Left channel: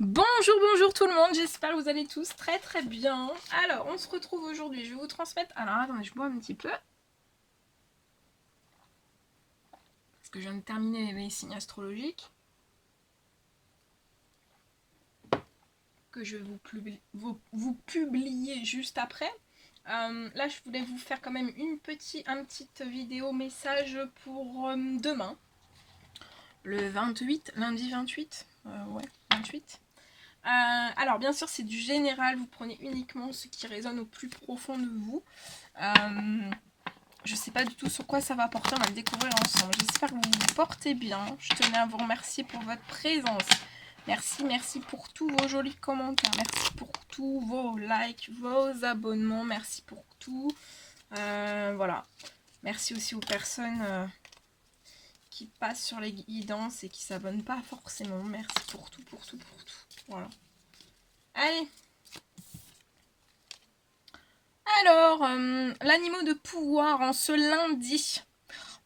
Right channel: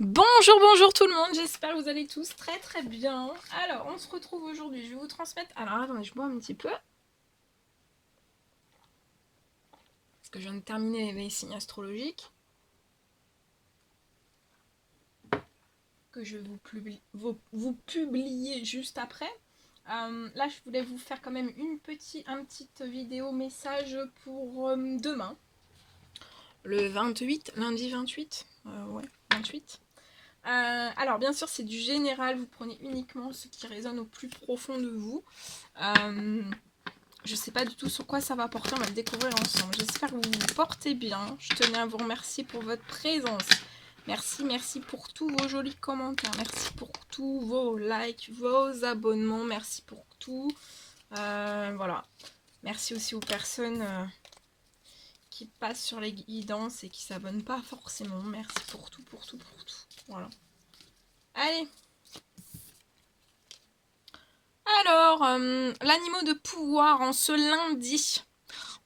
Bonjour, bonjour tout le monde, j'espère que vous allez tous très très bien. Alors, on se retrouve aujourd'hui, je vais vous transmettre... Alors, attendez, je bois un petit peu. Parce que je viens de terminer mes signes astrologiques. Que je vais vous publier juste après. Là, je voulais vous faire quand même une petite vidéo message pour demain. Le 28, lundi 28. Ouais, 28. Alors bien sûr c'est du général, vous prenez uniquement ce qui résonne au plus profond de vous. Je sais pas du tout sur quoi ça va porter, on va le découvrir ensemble. J'espère que vous vous portez bien. Je tenais à vous remercier pour votre présence. Merci pour tous vos jolis commentaires. Merci pour tous vos likes, vos abonnements. Merci pour tout. Voilà. Merci aussi aux personnes qui passent sur les guidances et qui s'abonnent pas forcément. Merci pour tout. Voilà. Allez. Alors, l'animal de pouvoir en ce lundi.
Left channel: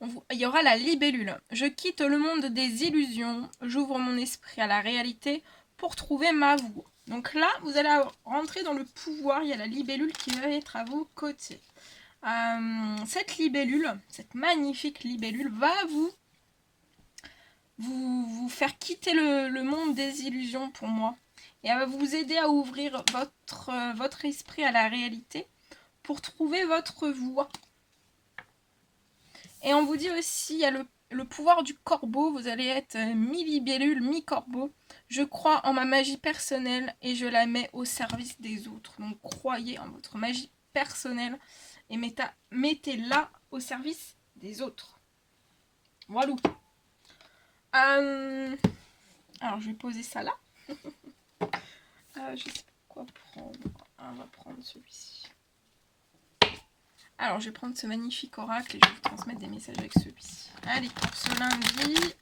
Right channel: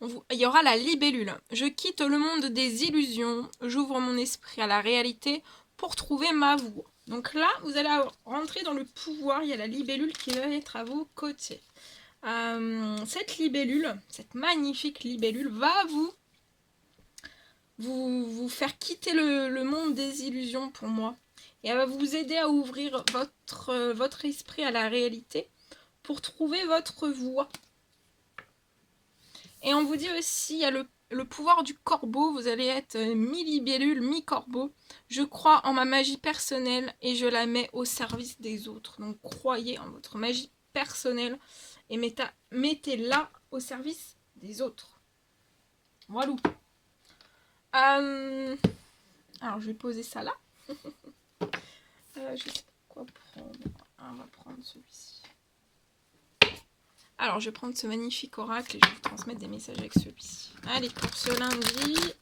Il y aura la libellule. Je quitte le monde des illusions. J'ouvre mon esprit à la réalité pour trouver ma voie. Donc là, vous allez rentrer dans le pouvoir. Il y a la libellule qui va être à vos côtés. Cette libellule, cette magnifique libellule, va vous faire quitter le monde des illusions pour moi. Et elle va vous aider à ouvrir votre esprit à la réalité pour trouver votre voie. Et on vous dit aussi, il y a le pouvoir du corbeau, vous allez être mi-libellule, mi-corbeau. Je crois en ma magie personnelle et je la mets au service des autres. Donc croyez en votre magie personnelle et mettez-la au service des autres. Voilà. Alors je vais poser ça là. Je sais pas quoi prendre. On va prendre celui-ci. Alors, je vais prendre ce magnifique oracle et je vais vous transmettre des messages avec celui-ci. Allez, pour ce lundi.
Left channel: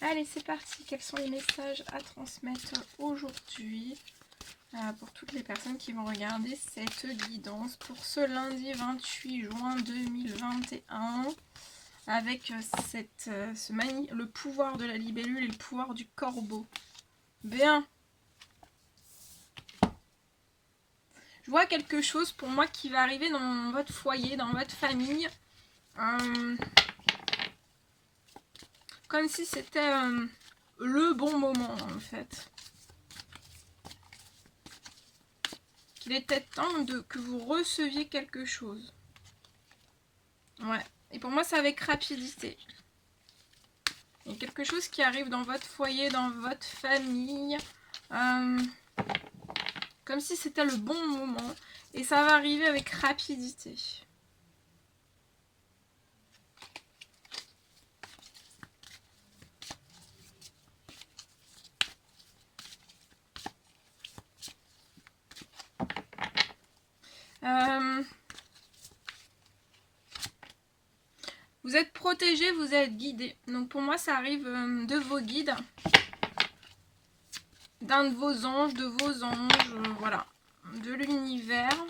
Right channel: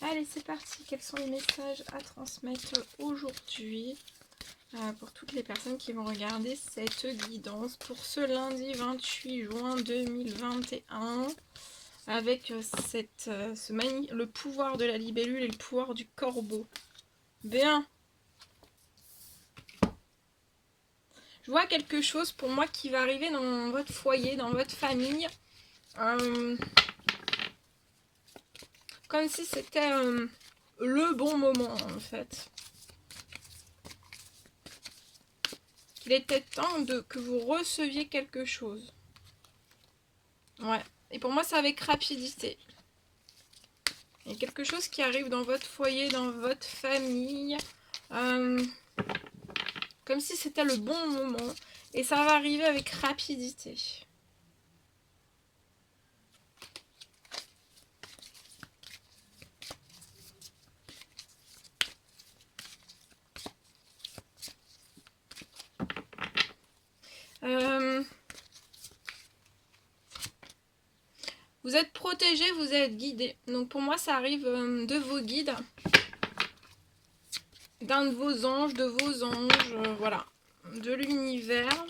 Allez, c'est parti. Quels sont les messages à transmettre aujourd'hui pour toutes les personnes qui vont regarder cette guidance pour ce lundi 28 juin 2021 avec le pouvoir de la libellule et le pouvoir du corbeau. Bien. Je vois quelque chose pour moi qui va arriver dans votre foyer, dans votre famille. Comme si c'était le bon moment en fait. Qu'il était temps que vous receviez quelque chose. Ouais. Et pour moi c'est avec rapidité. Il y a quelque chose qui arrive dans votre foyer, dans votre famille. Comme si c'était le bon moment. Et ça va arriver avec rapidité. Vous êtes protégé, vous êtes guidé. Donc pour moi ça arrive de vos guides. D'un de vos anges, voilà. De l'univers.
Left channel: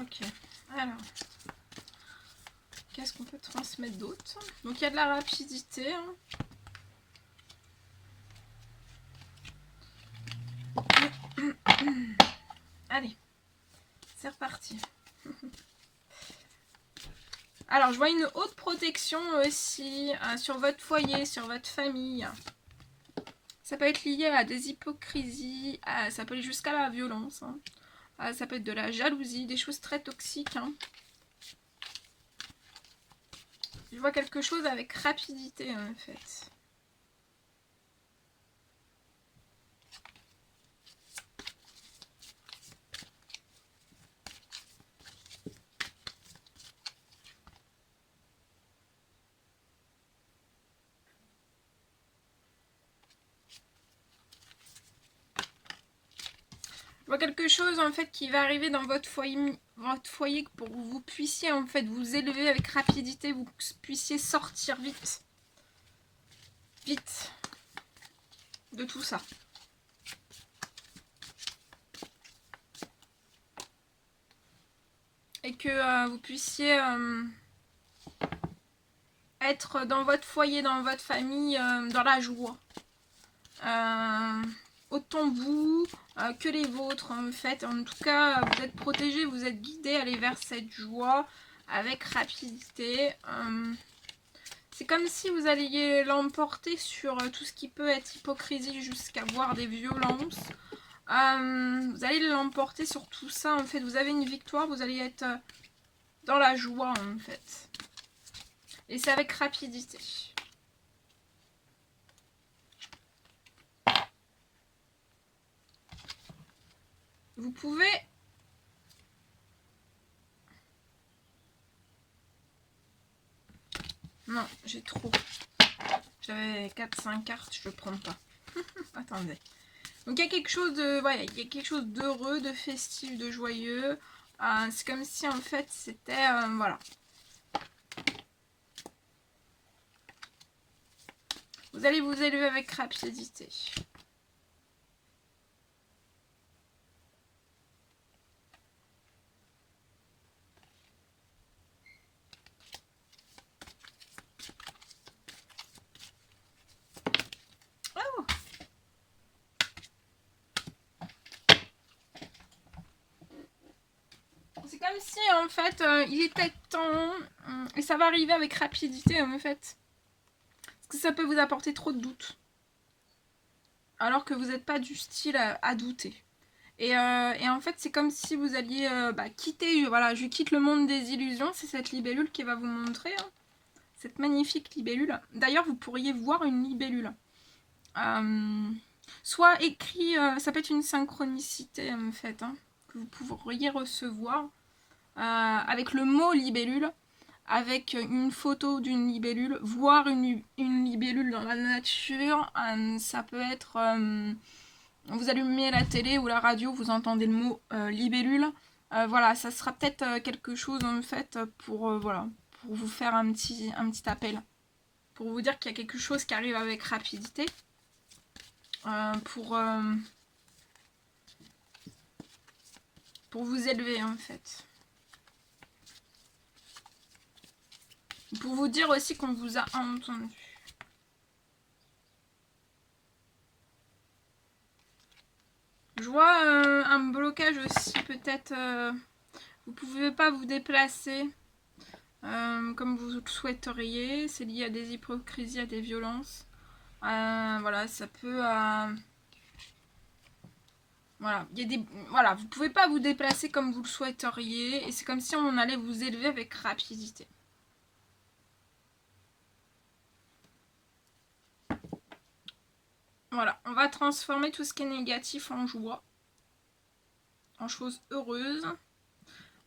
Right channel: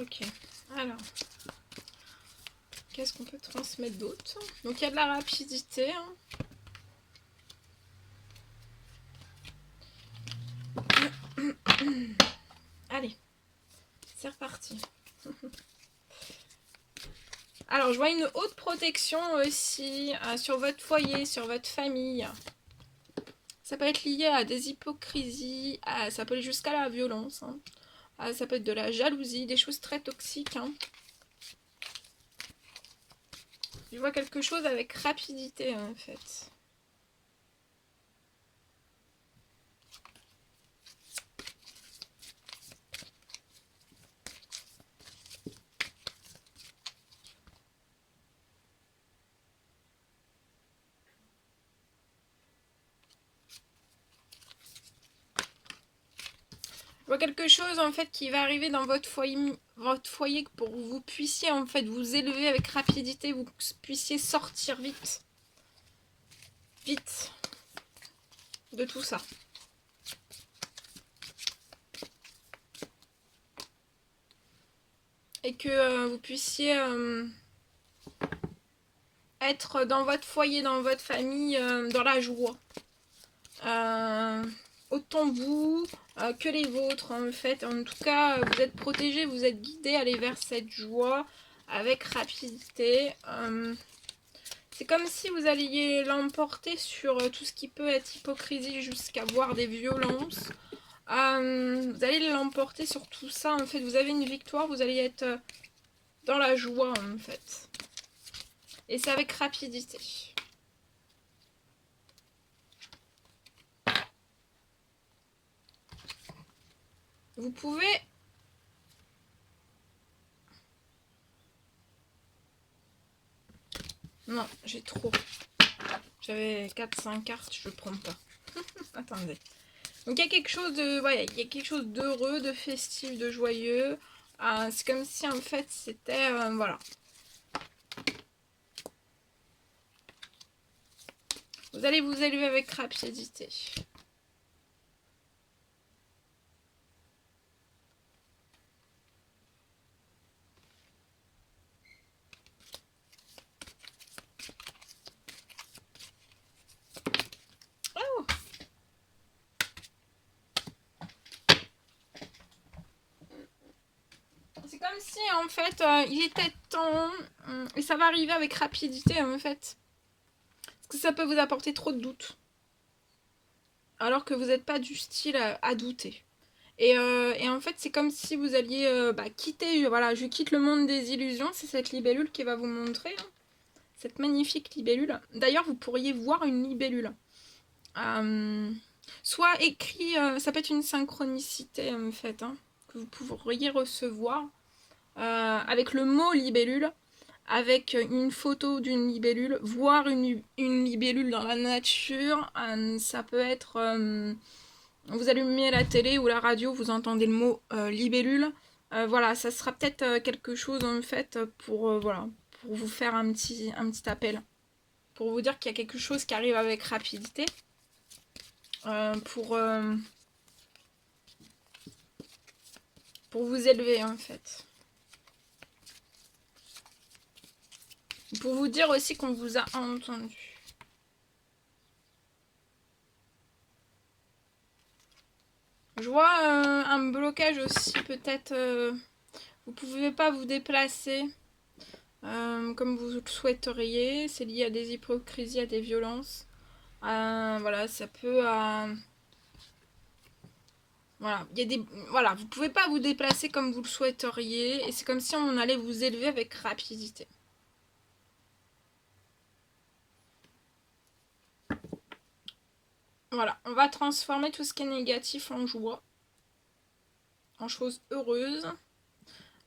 Ok, alors, qu'est-ce qu'on peut transmettre d'autre? Donc il y a de la rapidité. Hein. Allez, c'est reparti. Alors, je vois une haute protection aussi sur votre foyer, sur votre famille. Ça peut être lié à des hypocrisies, ça peut aller jusqu'à la violence. Hein. Ça peut être de la jalousie, des choses très toxiques. Hein. Je vois quelque chose avec rapidité en fait. vois quelque chose en fait qui va arriver dans votre foyer pour que vous puissiez en fait vous élever avec rapidité, vous puissiez sortir vite de tout ça. Et que vous puissiez être dans votre foyer, dans votre famille, dans la joie. Autant vous que les vôtres en fait. En tout cas, vous êtes protégés, vous êtes guidés à aller vers cette joie avec rapidité. C'est comme si vous alliez l'emporter sur tout ce qui peut être hypocrisie jusqu'à voir des violences. Vous allez l'emporter sur tout ça en fait. Vous avez une victoire, vous allez être dans la joie en fait. Et c'est avec rapidité. Vous pouvez... Non, j'ai trop. J'avais 4-5 cartes, je ne prends pas. Attendez. Donc il y a quelque chose de... Voilà, il y a quelque chose d'heureux, de festif, de joyeux. C'est comme si en fait c'était... voilà. Vous allez vous élever avec rapidité. Oh, c'est comme si en fait il était temps et ça va arriver avec rapidité en fait. Parce que ça peut vous apporter trop de doutes. Alors que vous n'êtes pas du style à douter. Et en fait, c'est comme si vous alliez quitter, voilà, je quitte le monde des illusions. C'est cette libellule qui va vous montrer, hein, cette magnifique libellule. D'ailleurs, vous pourriez voir une libellule. Soit écrit, ça peut être une synchronicité en fait, hein, que vous pourriez recevoir avec le mot libellule, avec une photo d'une libellule, voir une libellule dans la nature. Ça peut être... vous allumez la télé ou la radio, vous entendez le mot libellule. Voilà, ça sera peut-être quelque chose en fait pour, voilà, pour vous faire un petit appel. Pour vous dire qu'il y a quelque chose qui arrive avec rapidité. Pour vous élever en fait. Pour vous dire aussi qu'on vous a entendu. Je vois un blocage aussi peut-être. Vous ne pouvez pas vous déplacer comme vous le souhaiteriez. C'est lié à des hypocrisies, à des violences. Voilà, ça peut... voilà, il y a des... voilà, vous ne pouvez pas vous déplacer comme vous le souhaiteriez. Et c'est comme si on allait vous élever avec rapidité. Voilà, on va transformer tout ce qui est négatif en joie, en choses heureuses.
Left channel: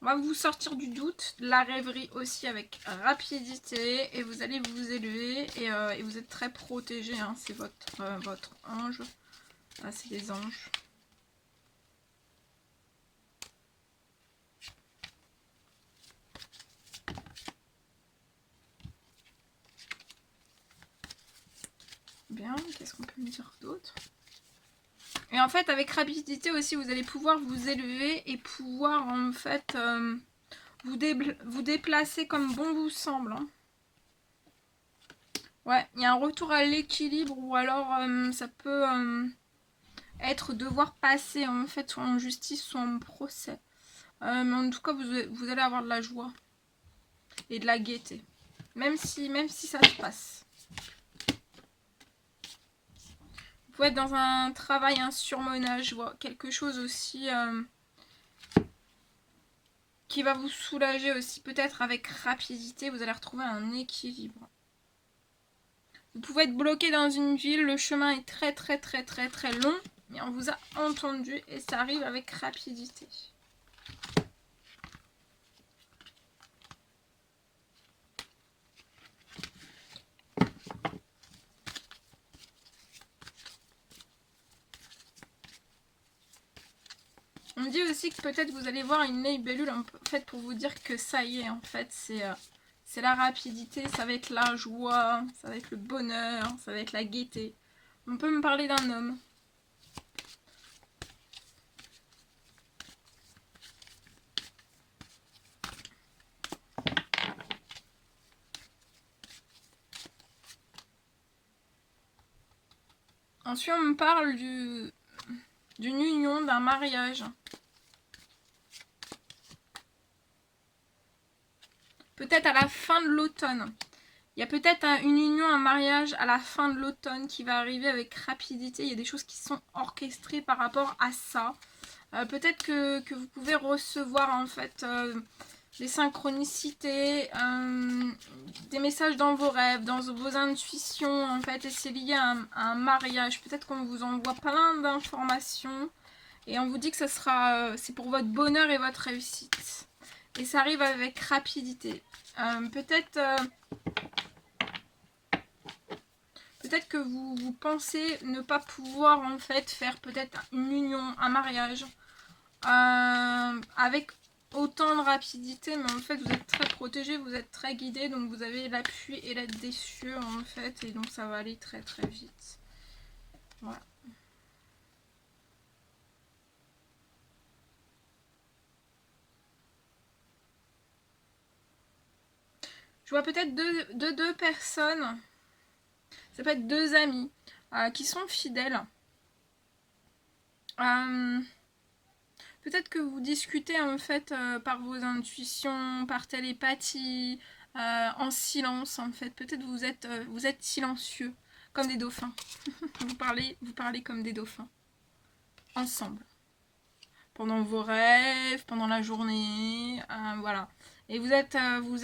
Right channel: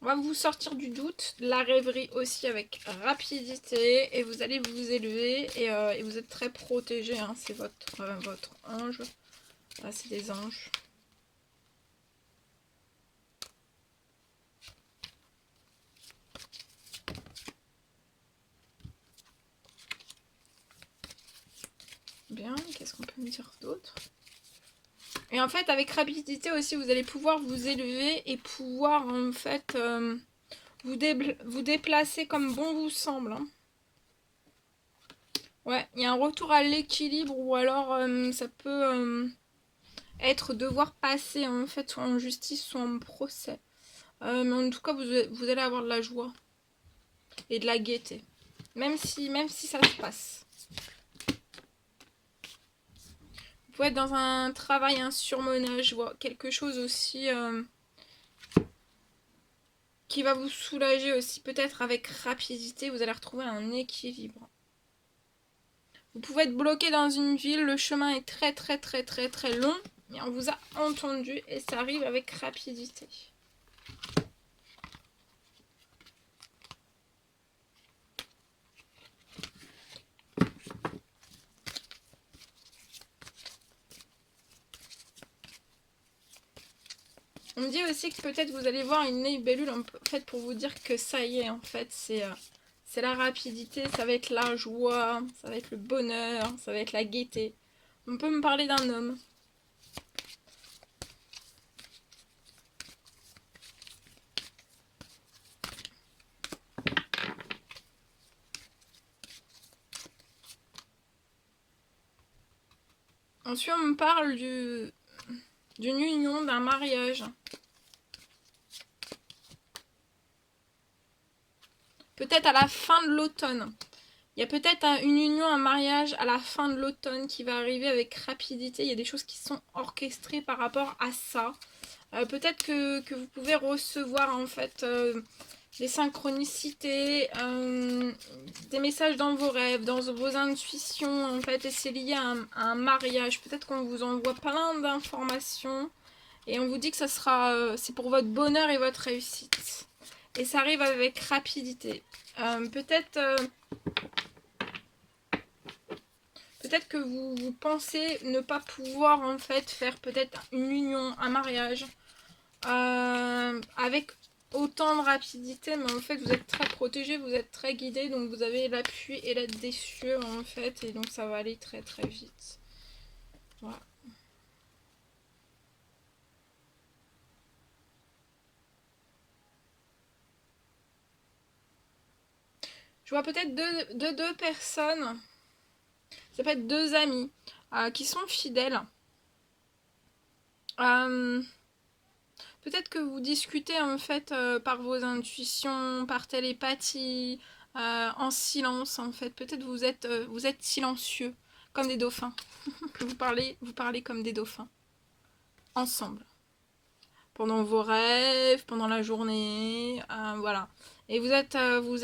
On va vous sortir du doute, de la rêverie aussi avec rapidité et vous allez vous élever et vous êtes très protégé, hein, c'est votre ange. Là, c'est les anges. Bien, qu'est-ce qu'on peut me dire d'autre? Et en fait, avec rapidité aussi, vous allez pouvoir vous élever et pouvoir en fait vous déplacer comme bon vous semble. Hein. Ouais, il y a un retour à l'équilibre ou alors ça peut être devoir passer en fait soit en justice soit en procès. Mais en tout cas, vous allez avoir de la joie et de la gaieté. Même si ça se passe. Vous pouvez être dans un travail, un surmenage, je vois quelque chose aussi qui va vous soulager aussi, peut-être avec rapidité, vous allez retrouver un équilibre. Vous pouvez être bloqué dans une ville, le chemin est très très très très très long, mais on vous a entendu et ça arrive avec rapidité. On me dit aussi que peut-être vous allez voir une libellule en fait pour vous dire que ça y est, en fait, c'est la rapidité, ça va être la joie, ça va être le bonheur, ça va être la gaieté. On peut me parler d'un homme. Ensuite, on me parle d'une union, d'un mariage. Peut-être à la fin de l'automne. Il y a peut-être une union, un mariage à la fin de l'automne qui va arriver avec rapidité. Il y a des choses qui sont orchestrées par rapport à ça. Peut-être que vous pouvez recevoir en fait des synchronicités, des messages dans vos rêves, dans vos intuitions en fait. Et c'est lié à un mariage. Peut-être qu'on vous envoie plein d'informations et on vous dit que ça sera, c'est pour votre bonheur et votre réussite. Et ça arrive avec rapidité. Peut-être que vous pensez ne pas pouvoir en fait faire peut-être une union, un mariage avec autant de rapidité, mais en fait vous êtes très protégé, vous êtes très guidé, donc vous avez l'appui et l'aide des cieux en fait, et donc ça va aller très très vite. Voilà. Je vois peut-être deux personnes, ça peut être deux amis qui sont fidèles. Peut-être que vous discutez en fait par vos intuitions, par télépathie, en silence en fait. Peut-être vous êtes silencieux, comme des dauphins. vous parlez comme des dauphins, ensemble. Pendant vos rêves, pendant la journée, voilà. Et vous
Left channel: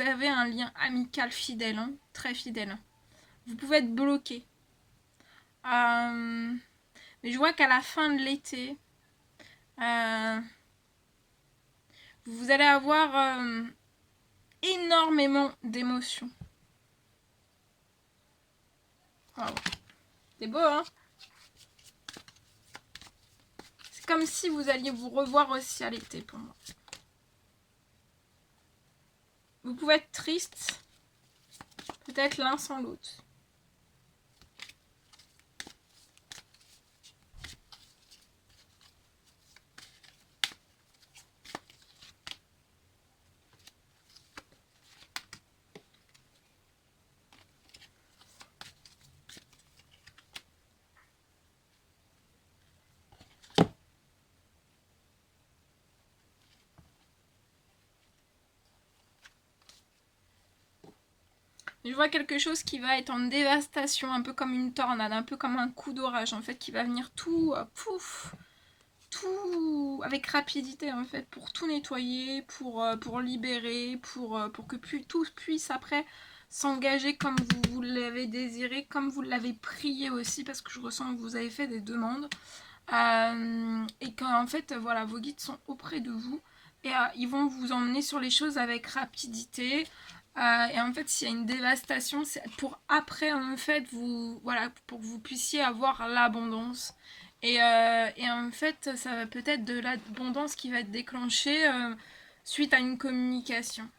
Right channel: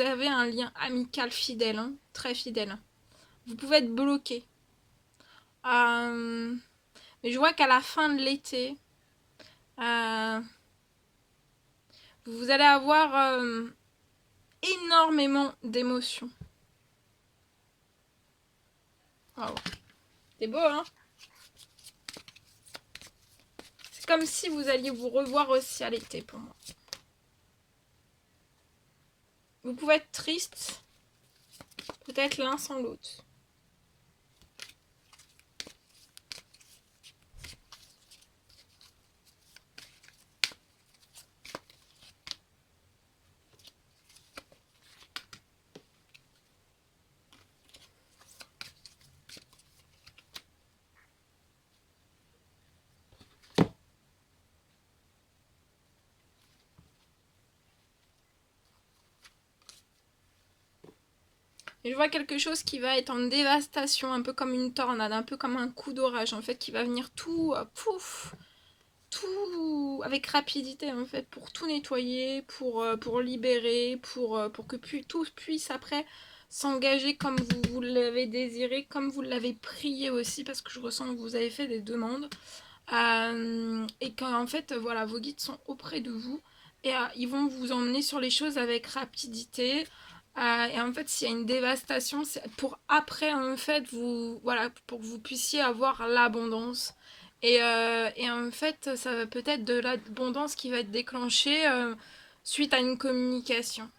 avez un lien amical fidèle, hein, très fidèle. Vous pouvez être bloqué. Mais je vois qu'à la fin de l'été, vous allez avoir énormément d'émotions. Wow. C'est beau, hein? C'est comme si vous alliez vous revoir aussi à l'été pour moi. Vous pouvez être triste, peut-être l'un sans l'autre. Je vois quelque chose qui va être en dévastation, un peu comme une tornade, un peu comme un coup d'orage en fait, qui va venir tout, pouf, tout avec rapidité en fait, pour tout nettoyer, pour libérer, pour que tout puisse après s'engager comme vous l'avez désiré, comme vous l'avez prié aussi, parce que je ressens que vous avez fait des demandes, et qu'en fait voilà, vos guides sont auprès de vous, et ils vont vous emmener sur les choses avec rapidité. Et en fait, s'il y a une dévastation, c'est pour après, en fait, voilà, pour que vous puissiez avoir l'abondance. Et en fait, ça va peut-être de l'abondance qui va être déclenchée suite à une communication.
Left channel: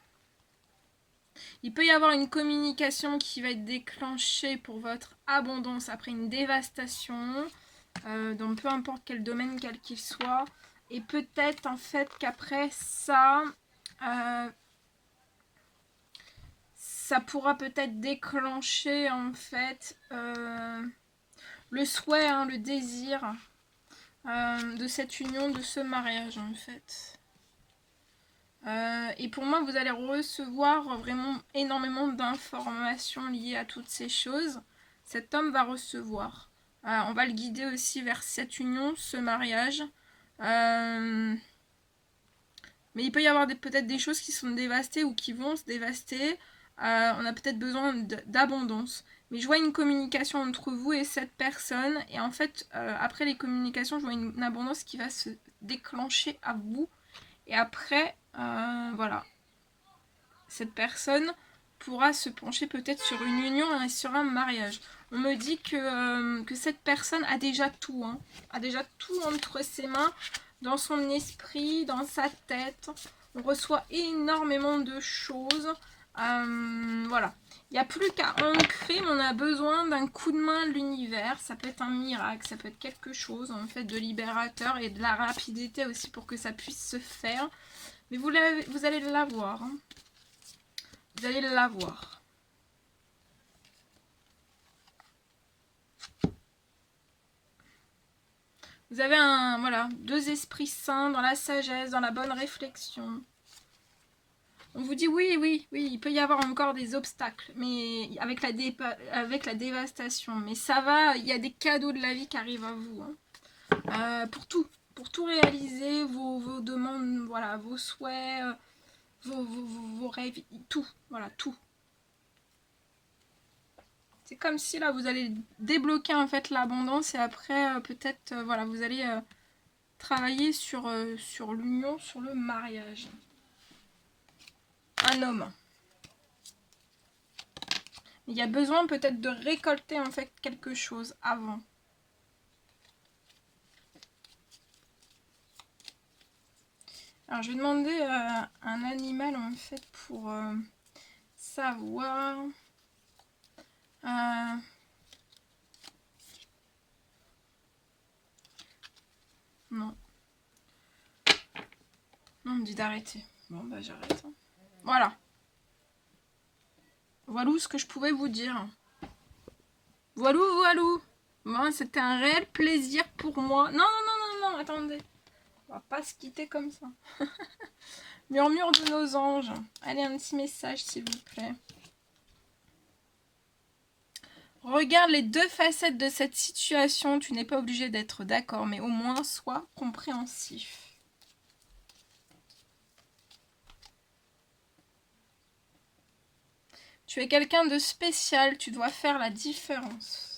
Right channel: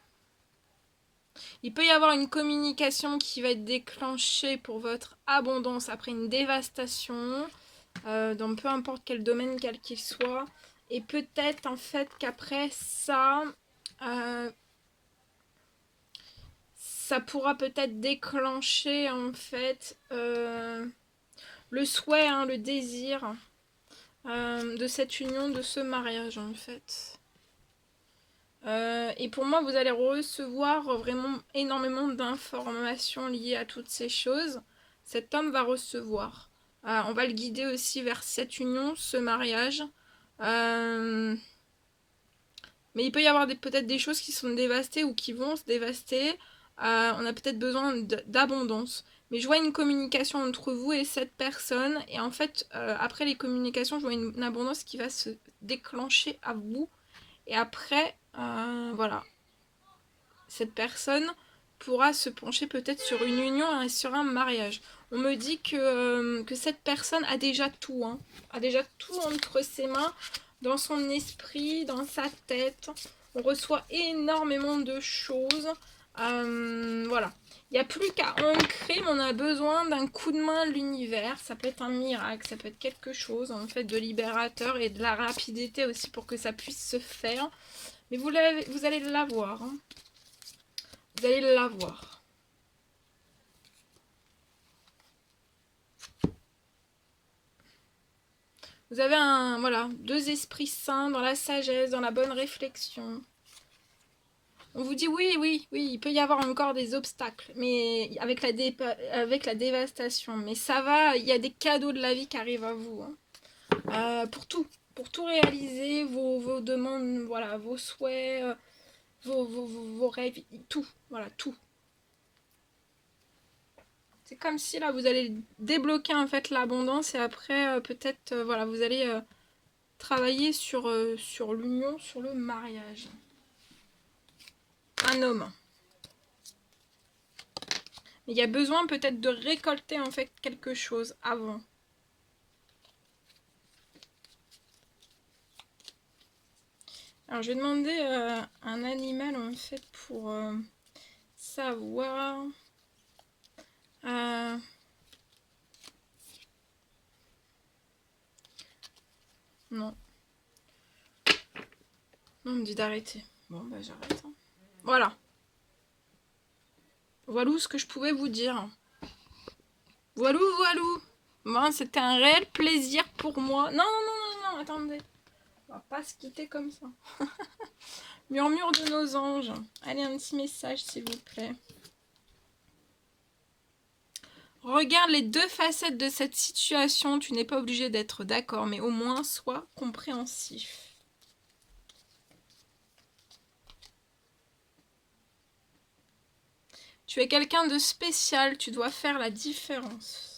Il peut y avoir une communication qui va être déclenchée pour votre abondance après une dévastation, dans peu importe quel domaine, quel qu'il soit. Et peut-être en fait qu'après ça... ça pourra peut-être déclencher en fait le souhait, hein, le désir de cette union, de ce mariage en fait. Et pour moi, vous allez recevoir vraiment énormément d'informations liées à toutes ces choses. Cet homme va recevoir. On va le guider aussi vers cette union, ce mariage. Mais il peut y avoir peut-être des choses qui sont dévastées ou qui vont se dévaster. On a peut-être besoin d'abondance. Mais je vois une communication entre vous et cette personne. Et en fait, après les communications, je vois une abondance qui va se déclencher à vous. Et après, voilà. Cette personne pourra se pencher peut-être sur une union et sur un mariage. On me dit que cette personne a déjà tout. Hein, a déjà tout entre ses mains. dans son esprit, dans sa tête. On reçoit énormément de choses. Voilà. Il n'y a plus qu'à ancrer, mais on a besoin d'un coup de main de l'univers. Ça peut être un miracle, ça peut être quelque chose en fait de libérateur et de la rapidité aussi pour que ça puisse se faire. Mais vous allez l'avoir. Hein. Vous allez l'avoir. Vous avez voilà, 2 esprits saints dans la sagesse, dans la bonne réflexion. On vous dit oui, il peut y avoir encore des obstacles, mais avec la dévastation. Mais ça va, il y a des cadeaux de la vie qui arrivent à vous. Hein. Pour tout réaliser, vos demandes, voilà, vos souhaits, vos rêves, tout, voilà, tout. C'est comme si là, vous allez débloquer en fait l'abondance et après, peut-être, voilà, vous allez travailler sur l'union, sur le mariage. Un homme. Mais il y a besoin peut-être de récolter en fait quelque chose avant. Alors je vais demander un animal en fait pour savoir. Non, non, on me dit d'arrêter. Bon bah j'arrête. Hein. Voilà. Voilà ce que je pouvais vous dire. Voilà. Bon, c'était un réel plaisir pour moi. Non, attendez. On va pas se quitter comme ça. Murmure de nos anges. Allez, un petit message, s'il vous plaît. Regarde les 2 facettes de cette situation. Tu n'es pas obligé d'être d'accord, mais au moins sois compréhensif. Tu es quelqu'un de spécial. Tu dois faire la différence.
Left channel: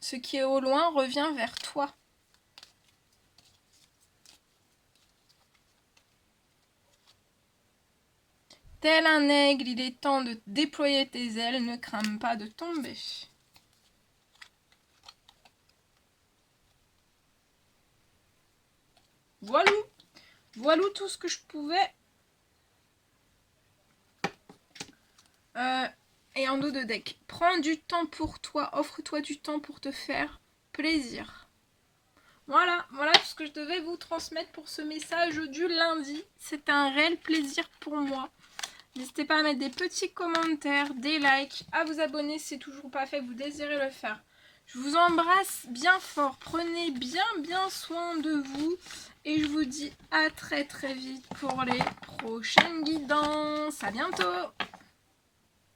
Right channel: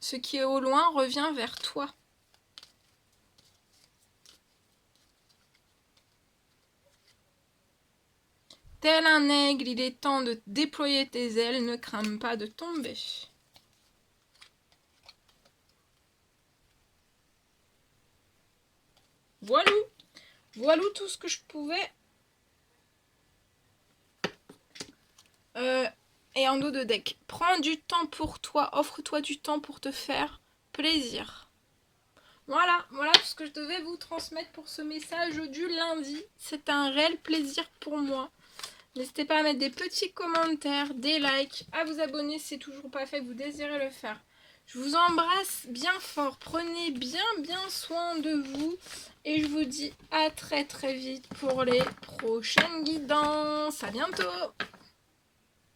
Ce qui est au loin revient vers toi. Tel un aigle, il est temps de déployer tes ailes, ne crains pas de tomber. Voilà tout ce que je pouvais. Et en dos de deck. Prends du temps pour toi, offre-toi du temps pour te faire plaisir. Voilà tout ce que je devais vous transmettre pour ce message du lundi. C'est un réel plaisir pour moi. N'hésitez pas à mettre des petits commentaires, des likes, à vous abonner si c'est toujours pas fait, vous désirez le faire. Je vous embrasse bien fort, prenez bien soin de vous et je vous dis à très vite pour les prochaines guidances. À bientôt!